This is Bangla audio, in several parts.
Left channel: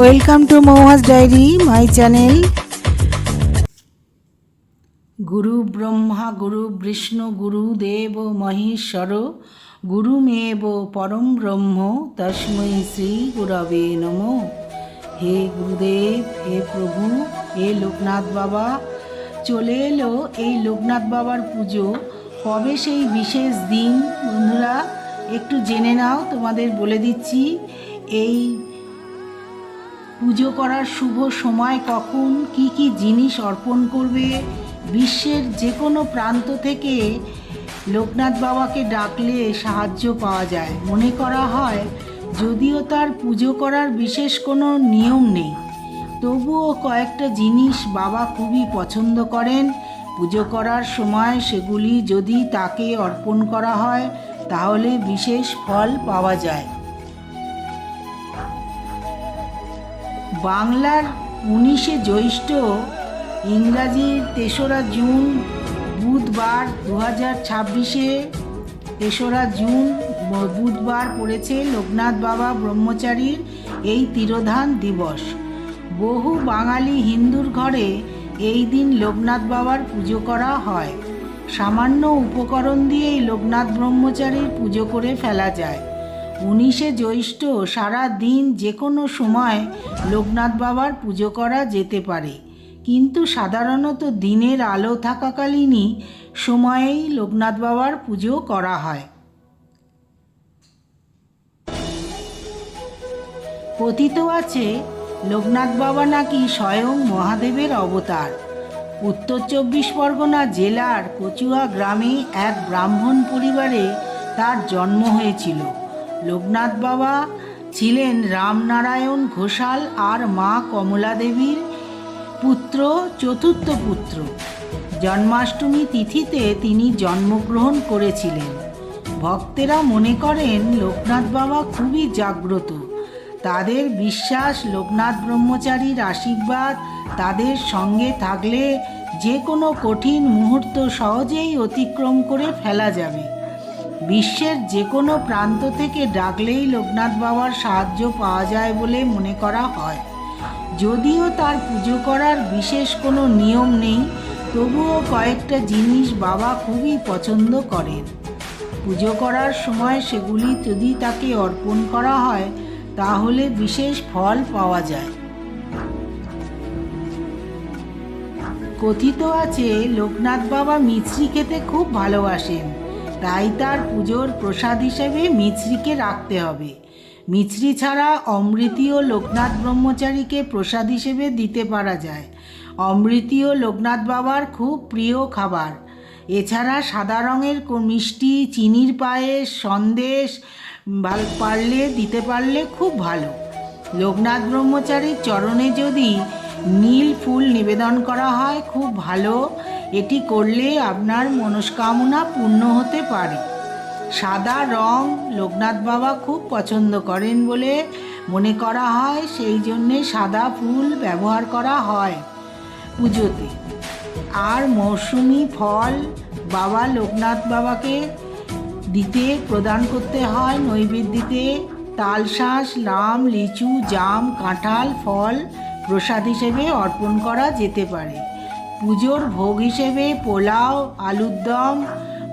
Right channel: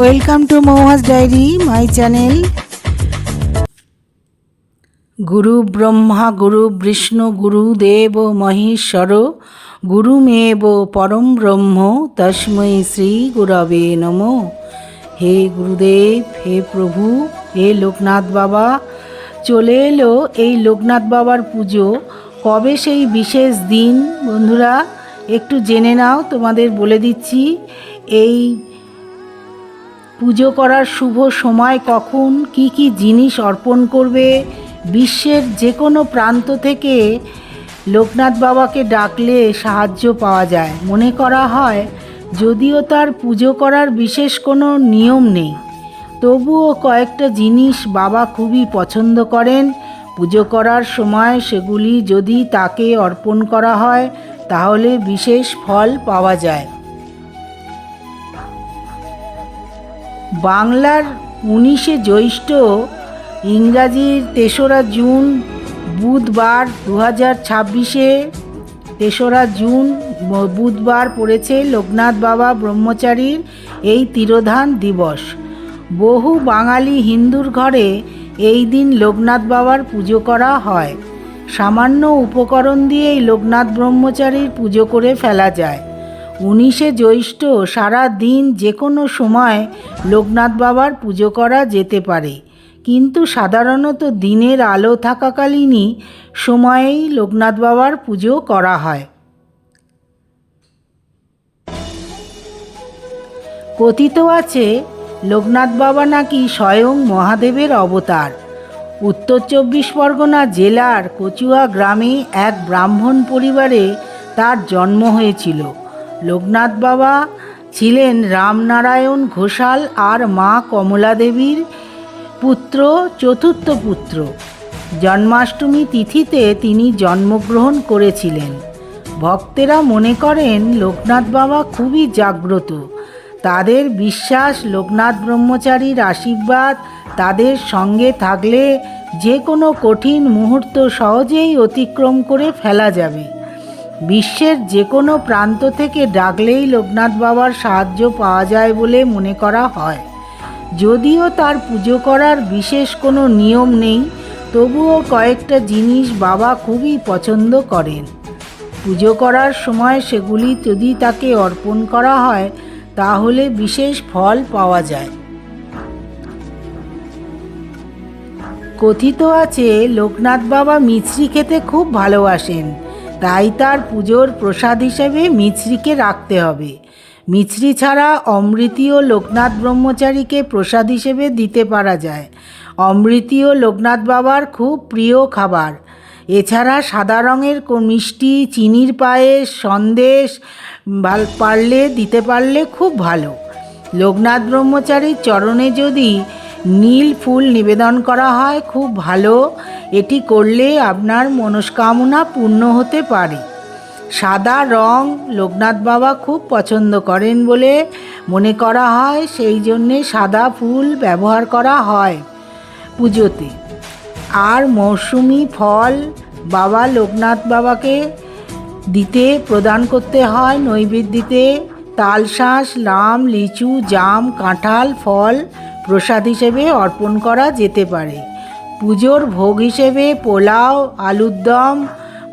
Welcome to Mouhas diary my channel. গুরু ব্রহ্মা গুরু বিষ্ণু গুরুদেব মহেশ্বর গুরুমেব পরম ব্রহ্ম তস্मै শ্রী গুরবে নমঃ। হে গুরুদেব, হে প্রভু, হে লোকনাথ বাবা, চলে এলো এই লোকনাথ বাবার পুজো। কবে সেই বিশেষ দিন বন্ধুরা একটু জেনে নাও, তোমাদের বলে দিচ্ছি। এই পুজো করার শুভ সময় কখন, কি কি জিনিস অর্পণ করবে। বিশ্বের যে কোনো প্রান্ত থেকে লোকনাথ বাবাকে ডাকলে সাহায্য পাওয়া যায় মনে করা হয়। যদিও তার পুজো করার বিশেষ কোনো নিয়ম নেই, তবুও কয়েকটা জিনিস বাবা খুবই পছন্দ করেন। পুজো করার সময় সেগুলি যদি তাকে অর্পণ করা হয় তাহলে বিশেষ ফল পাওয়া যায়। বাংলার 19শে জ্যৈষ্ঠ, ইংরাজির 3রা জুন বুধবার 2026-এ 3রা জুন বুধবার পড়েছে লোকনাথ বাবা ব্রহ্মচারীর এই তিরোধান দিবস। বহু বাঙালি হিন্দুর ঘরে এই দিন লোকনাথ বাবার পুজো করা হয়। সামান্য উপকরণ দিয়েই লোকনাথ ব্রহ্মচারীর পুজো করে ফেলা যায়। 19শে জ্যৈষ্ঠ সারা দিন যে কোনো সময় লোকনাথ বাবার পুজো করা যেতে পারে, কিন্তু সাধারণত দিনের আলো থাকাকালীনই সময়েই লোকনাথ বাবার পুজো করা হয়। কথিত আছে লোকনাথ বাবা নাকি স্বয়ং মহাদেবের অবতার। উত্তর 24 পরগনা জেলার কচুয়া গ্রামে এক ব্রাহ্মণ পরিবারে তার জন্ম হয়েছিল। লোকনাথ বাবা ছিলেন রামনারায়ণ ঘোষাল আর মা কমলা দেবীর চতুর্থ পুত্র। জন্মাষ্টমী তিথিতে তিনি জন্মগ্রহণ করেছিলেন। ভক্তেরা মনে করেন লোকনাথ বাবা খুবই জাগ্রত। তাদের বিশ্বাস লোকনাথ ব্রহ্মচারীর আশীর্বাদ তাদের সঙ্গে থাকলে যে কোনো কঠিন মুহূর্ত সহজেই অতিক্রম করে ফেলা যাবে। বিশ্বের যে কোনো প্রান্ত থেকে ডাকলেই লোকনাথ বাবার সাহায্য পাওয়া যায় বলে মনে করা হয়। যদিও তার পুজো করার বিশেষ কোনো নিয়ম নেই, তবুও কয়েকটা জিনিস বাবা খুবই পছন্দ করেন। পুজো করার সময় সেগুলি যদি তাকে অর্পণ করা হয় তাহলে বিশেষ ফল পাওয়া যায়। কথিত আছে লোকনাথ বাবা মিছরি খেতে খুব ভালোবাসেন, তাই তার পুজোর প্রসাদ হিসেবে মিছরিকে রাখতে হবে। মিছরি ছাড়া অমৃতিও লোকনাথ ব্রহ্মচারীকে প্রসাদ হিসেবে দিতে পারা যায়। অমৃতিও লোকনাথ বাবার খুব প্রিয় খাবার। এছাড়া সাদা রঙের মিষ্টি, চিনির পায়েস, সন্দেশ দিতে পারলে খুব ভালো। লোকনাথ ব্রহ্মচারীর চরণে যদি নীল ফুল নিবেদন করা হয় খুব ভালো। এটি করলে আপনার মনস্কামনা পূর্ণ হতে পারে। সাদা রং লোকনাথ বাবা খুব পছন্দ করেন বলে মনে করা হয়, সেই জন্যে সাদা ফুল ব্যবহার করা হয় পুজোতে। আর মৌসুমি ফল বাবা লোকনাথ বাবাকে প্রদান করতে হয় নৈবেদ্যতে। তালশাঁস, লাম, লিচু, জাম, কাঁঠাল ফল প্রসাদ হিসেবে অর্পণ করা যেতে পারে। পুজোর ভোগ হিসেবে পোলাও, আলুর দম,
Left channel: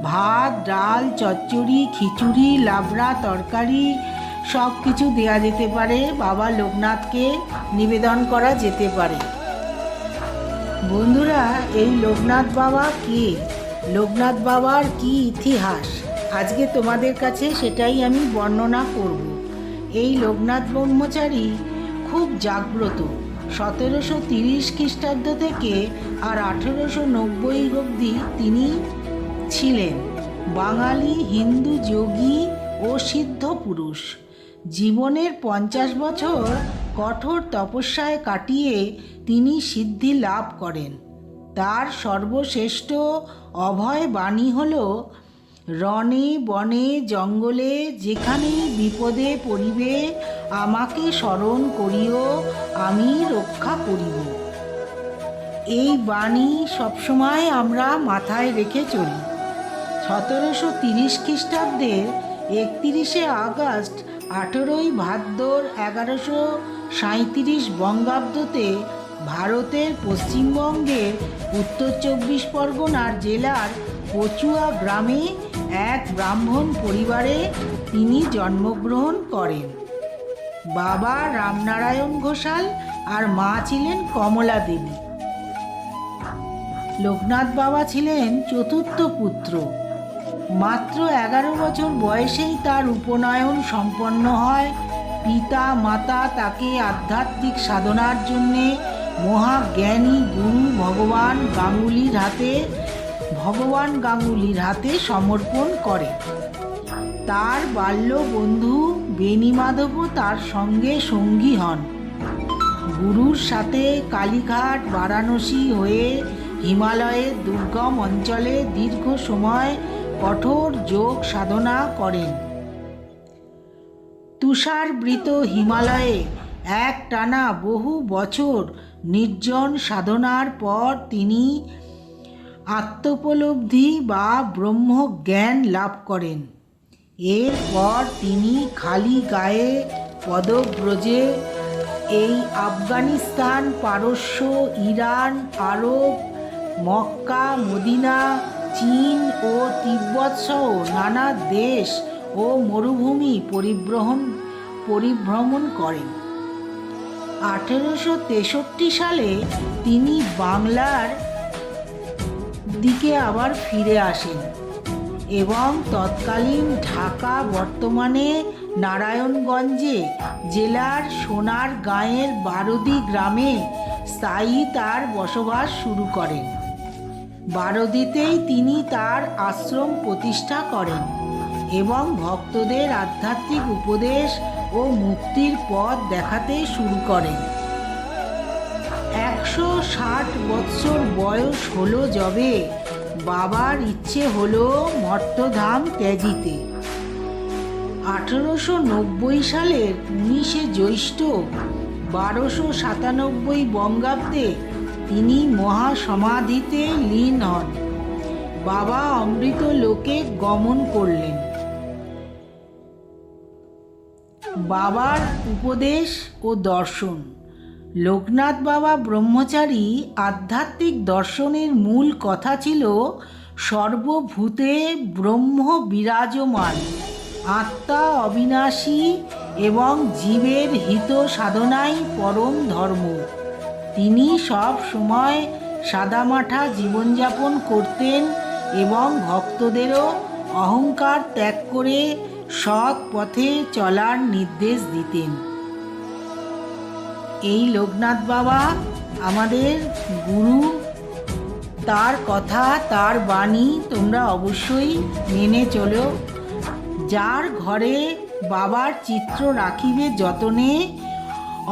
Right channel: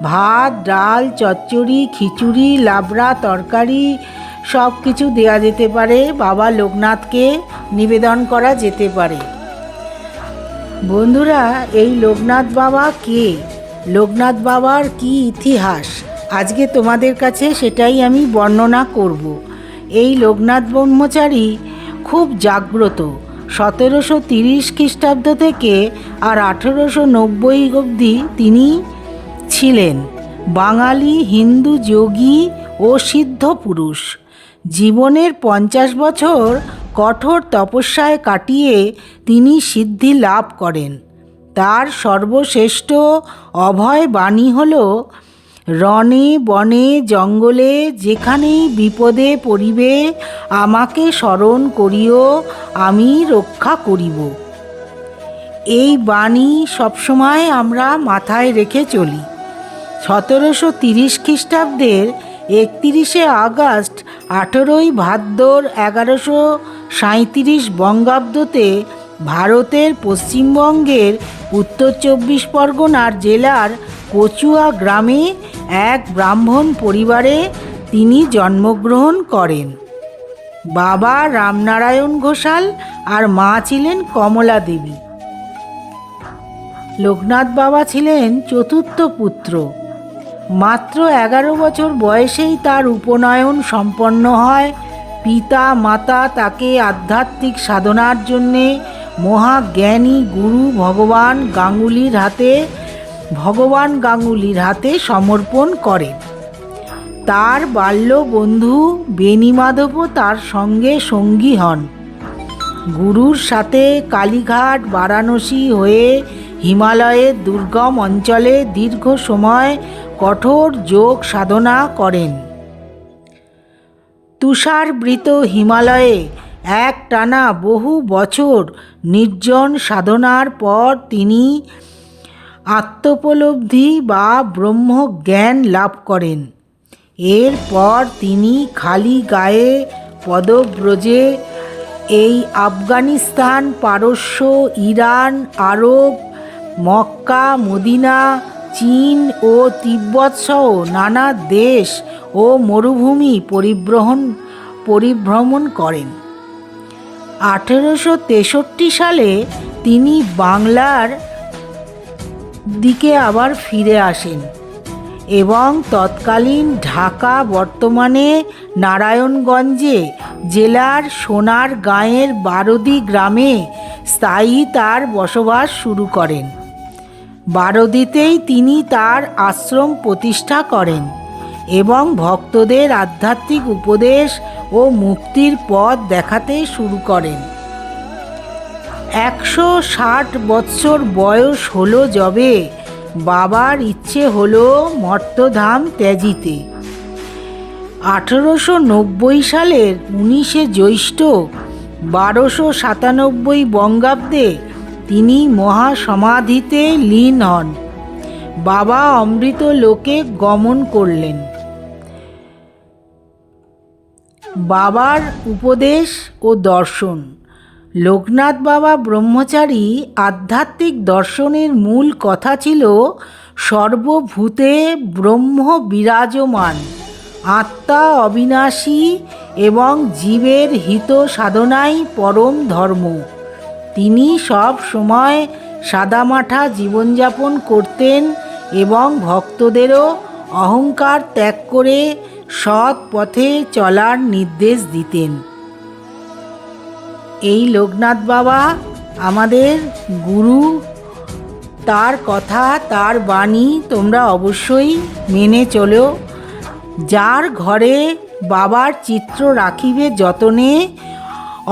ভাত, ডাল, চচ্চড়ি, খিচুড়ি, লাবড়া, তরকারি সব কিছু দেওয়া যেতে পারে। বাবা লোকনাথকে নিবেদন করা যেতে পারে। বন্ধুরা, এই লোকনাথ বাবা কে? লোকনাথ বাবার কি ইতিহাস? আজকে তোমাদের কাছে সেটাই আমি বর্ণনা করব। এই লোকনাথ ব্রহ্মচারী খুব জাগ্রত। 1730 খ্রিস্টাব্দ থেকে আর 1890 অবধি তিনি ছিলেন বাঙালি হিন্দু যোগী ও সিদ্ধ পুরুষ। জীবনের 50 বছর কঠোর তপস্যায় কাটিয়ে তিনি সিদ্ধি লাভ করেন। তার সর্বশ্রেষ্ঠ অভয় বাণী হল, রণে বনে জঙ্গলে যেখানেই বিপদে পড়িবে আমাকে স্মরণ করিও, আমি রক্ষা করিব। এই বাণী সবসময় আমরা মাথায় রেখে চলি। 1730 খ্রিস্টাব্দের 31শে আগস্ট 18ই ভাদ্র 37 বঙ্গাব্দতে ভারতের পশ্চিমবঙ্গের উত্তর 24 পরগনার জেলার কচুয়া গ্রামে এক ব্রাহ্মণ পরিবারে তিনি জন্মগ্রহণ করেন। বাবা রামনারায়ণ ঘোষাল আর মা ছিলেন কমলা দেবী। লোকনাথ বাবা ছিলেন চতুর্থ পুত্র। মাত্র 11 বছর বয়সেই তার উপনয়ন সম্পন্ন হয়। পিতা মাতা তাকে আধ্যাত্মিক সাধনার জন্যে মহাজ্ঞানী গুরু ভগবান গাঙ্গুলির হাতে সমর্পণ করেন। তার বাল্য বন্ধু বেণীমাধবও তার সঙ্গে সঙ্গী হন। গুরুর সাথে কালীঘাট, বারাণসী হয়ে হিমালয়ের দুর্গম অঞ্চলে দীর্ঘ সময় কঠোর যোগ সাধনা করেন। তুষারবৃত হিমালয়ে একটানা বহু বছর নির্জন সাধনার পর তিনি আত্মোপলব্ধি বা ব্রহ্মজ্ঞান লাভ করেন। এরপর তিনি খালি গায়ে পদব্রজে এই আফগানিস্তান, পারস্য, ইরান, আরব, মক্কা, মদিনা, চীন ও তিব্বত সহ নানা দেশ ও মরুভূমি পরিভ্রমণ করেন। 1863 সালে তিনি বাংলার দিকে আবার ফিরে আসেন এবং তৎকালীন ঢাকা, বর্তমানে নারায়ণগঞ্জে জেলার সোনারগাঁয়ের বারোদি গ্রামে স্থায়ী তার বসবাস শুরু করেন। বারোদিতেই তিনি তার আশ্রম প্রতিষ্ঠা করেন এবং ভক্তদের আধ্যাত্মিক উপদেশ ও মুক্তির পথ দেখাতে শুরু করেন। 160 বৎসর বয়স হলো যবে বাবার ইচ্ছে হলো মর্তধাম ত্যাজিতে। 1890 সালের 19শে জ্যৈষ্ঠ 1297 বঙ্গাব্দে তিনি মহাসমাধিতে লীন হন। বাবা অমৃত লোকে গমন করলেন। বাবার উপদেশ ও দর্শন। লোকনাথ বাবা ব্রহ্মচারী আধ্যাত্মিক দর্শনের মূল কথা ছিল সর্বভূতে ব্রহ্ম বিরাজমান, আত্মা অবিনাশী এবং জীবের হিত সাধনাই পরম ধর্ম। তিনি সব সময় সাদামাঠা জীবনযাপন করতেন এবং ভক্তদেরও অহংকার ত্যাগ করে সৎ পথে চলার নির্দেশ দিতেন। এই লোকনাথ বাবা আমাদের গুরু। তার কথা, তার বাণী তোমরা অবশ্যই মেনে চলো। যার ঘরে বাবার চিত্র রাখিবে যতনে,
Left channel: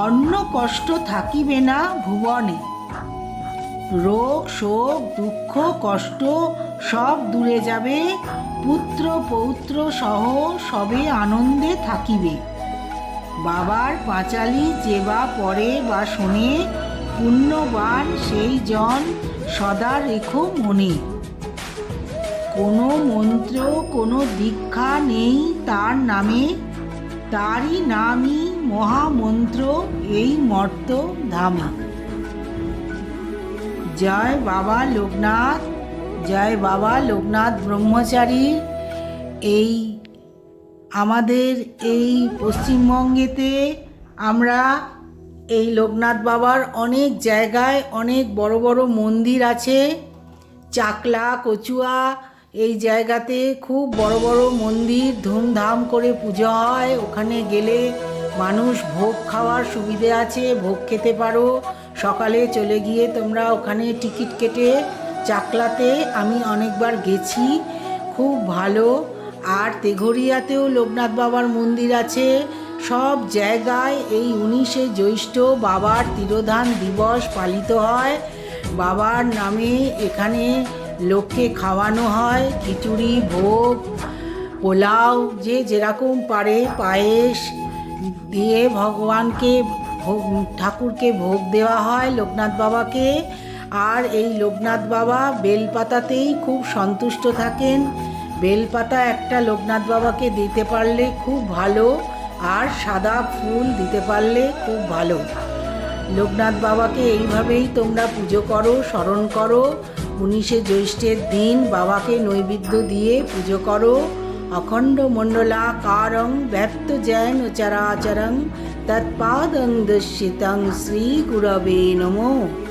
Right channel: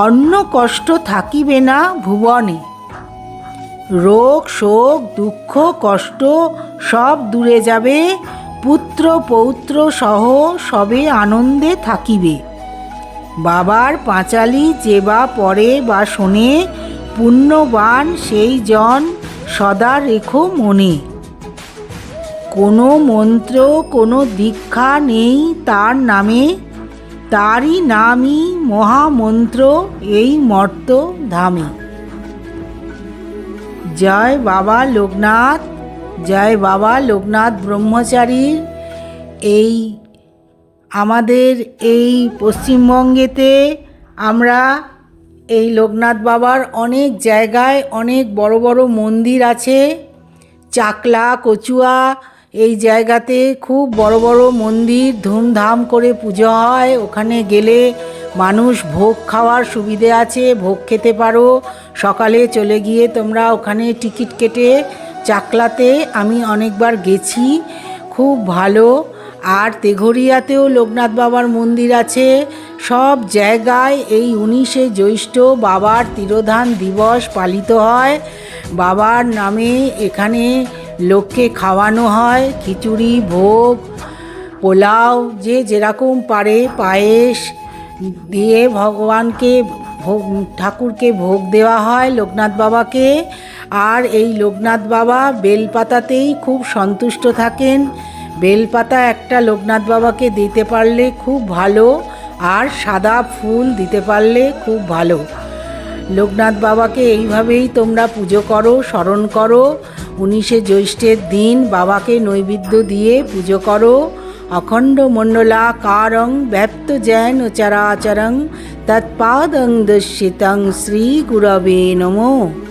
অন্য কষ্ট থাকিবে না ভুবনে। রোগ শোক দুঃখ কষ্ট সব দূরে যাবে, পুত্র পৌত্র সহ সবে আনন্দে থাকিবে। বাবার পাঁচালি যে বা পড়ে বা শোনে, পুণ্যবান সেই জন সদা রেখো মনে। কোনো মন্ত্র কোনো দীক্ষা নেই তার নামে, তারই নামই মহামন্ত্র এই মর্ত ধামে। জয় বাবা লোকনাথ, জয় বাবা লোকনাথ ব্রহ্মচারী। এই আমাদের এই পশ্চিমবঙ্গেতে আমরা এই লোকনাথ বাবার অনেক জায়গায় অনেক বড় বড় মন্দির আছে। চাকলা, কচুয়া এই জায়গাতে খুব বড় বড় মন্দির, ধুমধাম করে পুজো হয়। ওখানে গেলে মানুষ ভোগ খাওয়ার সুবিধে আছে, ভোগ খেতে পারো। সকালে চলে গিয়ে তোমরা ওখানে টিকিট কেটে, চাকলাতে আমি অনেকবার গেছি, খুব ভালো। আর তেঘরিয়াতেও লোকনাথ বাবার মন্দির আছে। সব জায়গায় এই 19শে জ্যৈষ্ঠ বাবার তিরোধান দিবস পালিত হয়। বাবার নামে এখানে লোককে খাওয়ানো হয় খিচুড়ি, ভোগ, পোলাও, যে যেরকম পারে পায়েস দিয়ে ভগবানকে ঠাকুরকে ভোগ দেওয়া হয় লোকনাথ বাবাকে। আর এই লোকনাথ বাবা বেলপাতাতেই খুব সন্তুষ্ট থাকেন। বেলপাতা একটা লোকনাথ বাবাকে দিতে পারলে খুব ভালো। আর সাদা ফুল দিতে পারলে খুব ভালো। লোকনাথ বাবাকে এইভাবেই তোমরা পুজো করো, স্মরণ করো। 19শে জ্যৈষ্ঠের দিন বাবাকে নৈবেদ্য দিয়ে পুজো করো। অখণ্ড মণ্ডলাকারং ব্যপ্ত জ্ঞান চরাচরং তৎপাদং দর্শিতং শ্রী গুরবে নমঃ।